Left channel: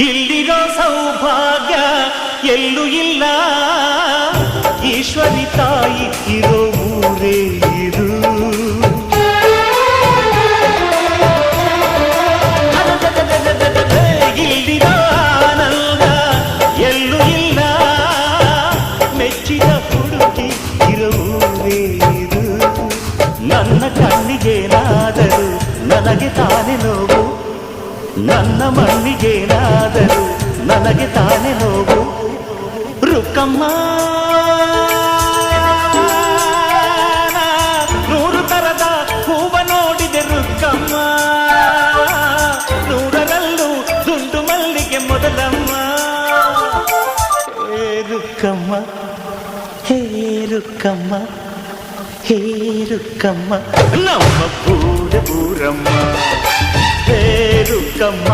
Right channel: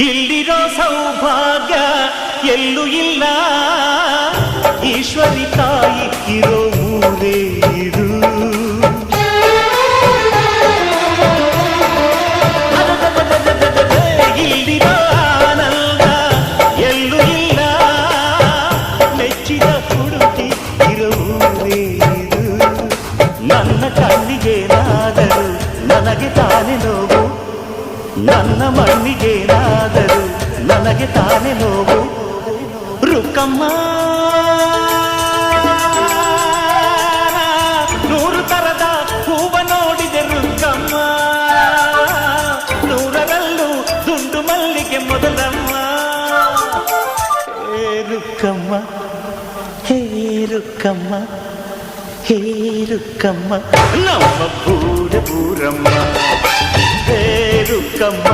ಇಲ್ಲಿರೋ ಸೌಭಾಗ್ಯ ಎಲ್ಲೂ ಇಲ್ಲ, ಈಶ್ವರಿ ತಾಯಿ ಇರೋ ಊರೇ ಇದು. ಇಲ್ಲಿರೋ ಆನಂದ ಎಲ್ಲೂ ಇಲ್ಲ, ಮೆಚ್ಚಿದ ಹುಡುಗಿ ಇರೋ ಊರೇ ಇದು. ನನ್ನ ಕಣ್ಣಿಗೇನಾದರೂ ನನಗೆ ತಾನೇ ನೋವು, ನನ್ನ ಮಣ್ಣಿಗೇನಾದರೂ ನನಗೆ ತಾನೇ ನೋವು. ರುಕ್ಕಮ್ಮ ನೂರು ತರದ ಹೂವ ನೋಡಿದೆ ರುಕ್ಕಮ್ಮ, ನೂರರಲ್ಲೂ ದುಂಡು ಮಲ್ಲಿಗೆ ಮೊದಲಮ್ಮ. ಹೇ ರುಕ್ಕಮ್ಮ, ಹೇ ರುಕ್ಕಮ್ಮ, ಹೇ ರುಕ್ಕಮ್ಮ, ನಮ್ಮ ಬೂರಮ್ಮ. ಹೇ ರುಕ್ಕಮ್ಮ.